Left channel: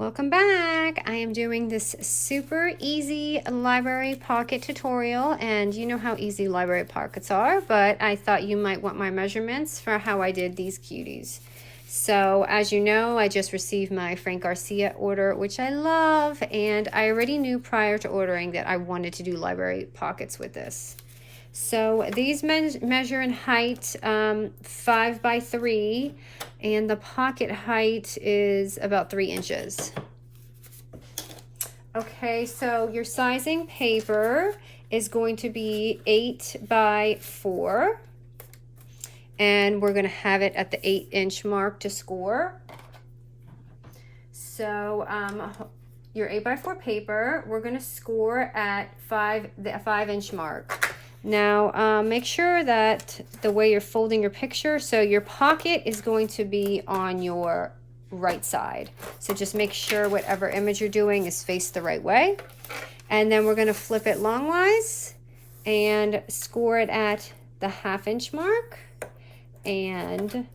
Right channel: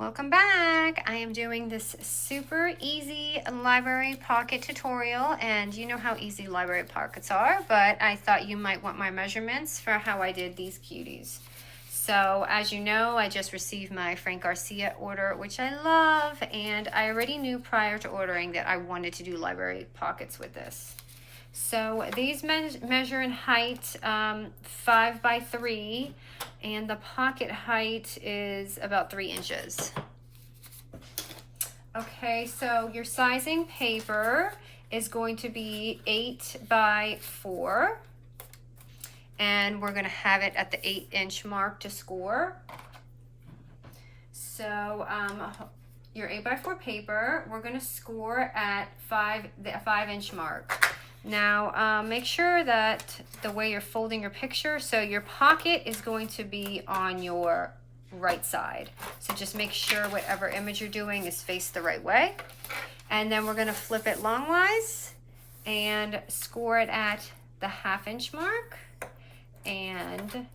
Welcome back. I am doing this super easy library pocket tutorial, and you know how easy library pockets are, but I thought you might want my measurements for how I did these cuties. So as you know, I just received my Frank Garcia order, which I love, and I already knew prior to ordering that I wanted to do library pockets with this. So these measure in height 5 by 3, and the pocket height is about 3 inches. Okay, so your sizing paper is going to be 8 by 4, and we're going to have it at the 8-inch mark to score. So your 8 by 4 paper, we're going to score at the 5-inch mark. Now make sure that the way you're folding your picture, so your pocket is going to be on your right side. So just make sure whatever image you're doing is faced the right way. And then we're going to flip it longwise and score it at the 1/2 inch mark and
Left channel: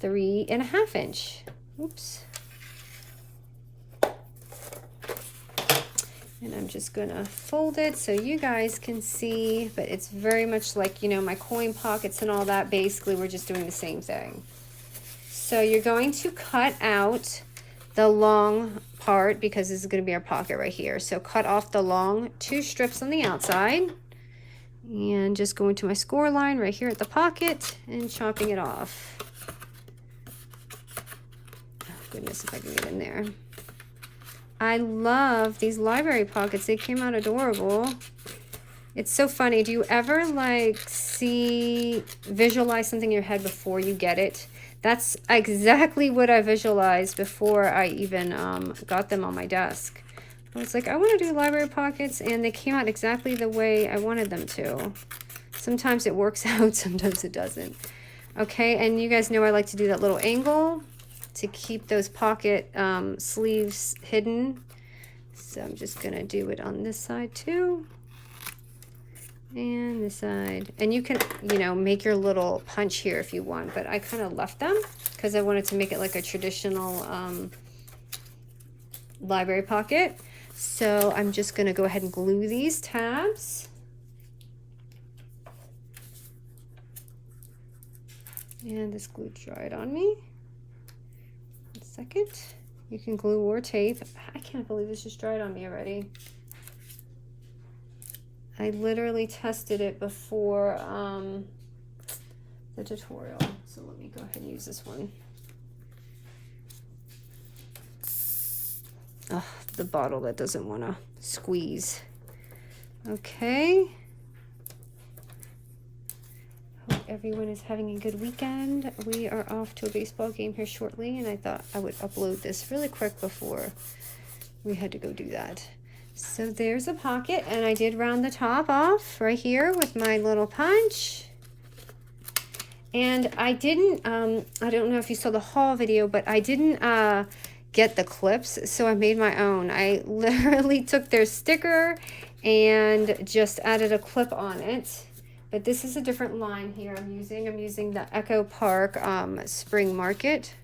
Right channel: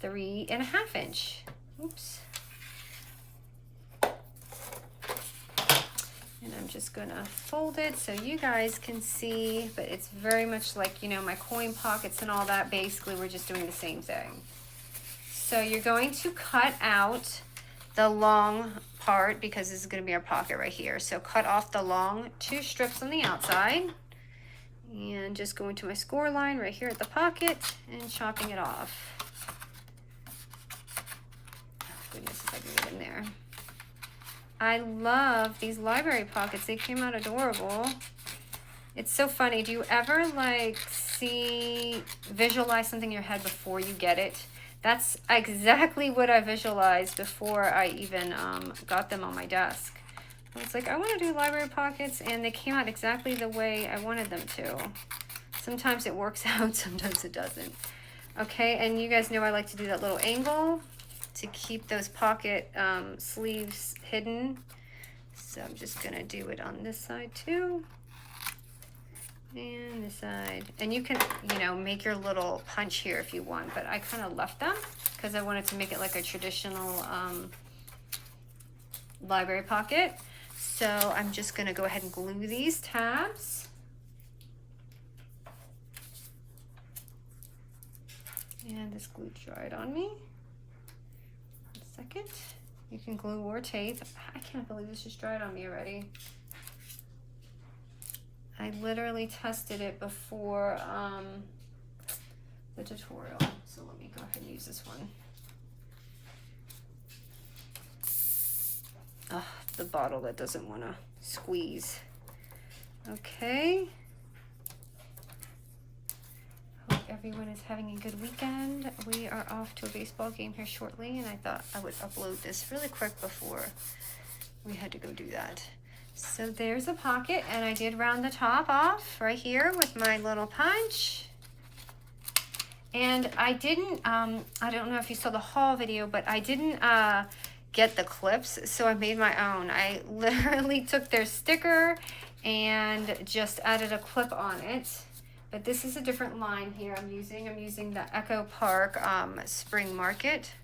3.5 inch. Oops. And I'm just gonna fold it so you guys can see, but it's very much like, you know, my coin pockets and all that. Basically, we're just doing the same thing. So you're going to cut out the long part because this is gonna be our pocket right here. So cut off the long 2 strips on the outside and just going to my score line right here at the pocket and chopping it off. Oh, goodness, if I can get in there. I love these library pockets. They came out adorable. It's so funny. Do you ever like visualize something in your head before you get it? That's exactly what I visualized before I even got them on my desk. I was like, I want to do library pockets, and they came out exactly the way I wanted them to. Sometimes it works out, sometimes it doesn't. Okay, and you guys know I like to do that little angle to keep those pocket sleeves hidden. So I'm just gonna do it on this side too, and this side. And you can, you know, make your little punch here if you want, but I kind of left them because I wanted to make it like a traditional library pocket. So I'm just gonna go ahead and glue these tabs. And this glue dried on me. Second, you can glue or tape. I can't believe this just dried on me already. I literally tested it before the tutorial, so let me go ahead and use this one. Ugh, the bottle that doesn't want to squeeze. Okay. Everyone is having a good weekend. We are off to a baseball game here shortly, and I thought I would upload this really quick before we had to go do that. So there's a pocket, and I did round the top off right here with my little punch. And I didn't, I don't know if you saw the haul video, but I didn't get the clips, so I made my own. I literally took their sticker and just added a clip on it. But this is a different line here I'm using the Echo Park Spring Market.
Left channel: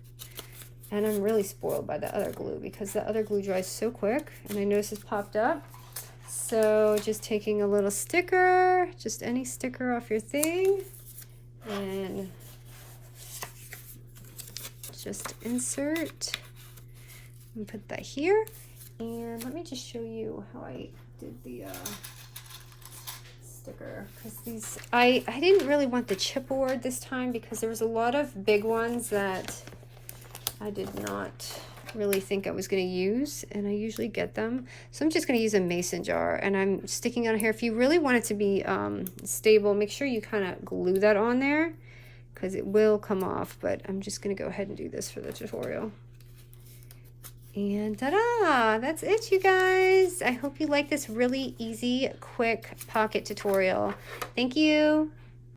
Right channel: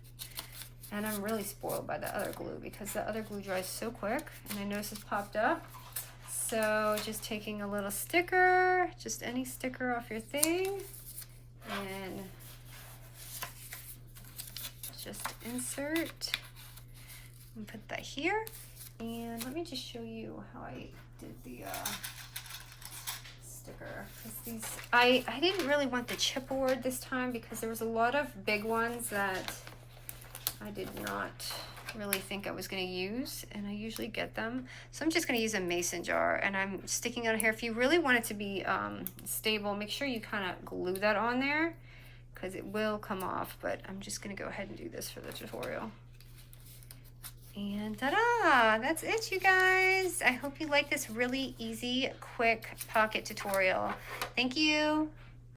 And I'm really spoiled by the other glue because the other glue dries so quick. And I noticed it's popped up. So just taking a little sticker, just any sticker off your thing. And just insert and put that here. And let me just show you how I did the sticker, because these I didn't really want the chipboard this time because there was a lot of big ones that I did not really think I was going to use, and I usually get them. So I'm just going to use a mason jar, and I'm sticking it on here. If you really want it to be stable, make sure you kind of glue that on there because it will come off, but I'm just going to go ahead and do this for the tutorial. And ta-da! That's it, you guys. I hope you like this really easy, quick pocket tutorial. Thank you.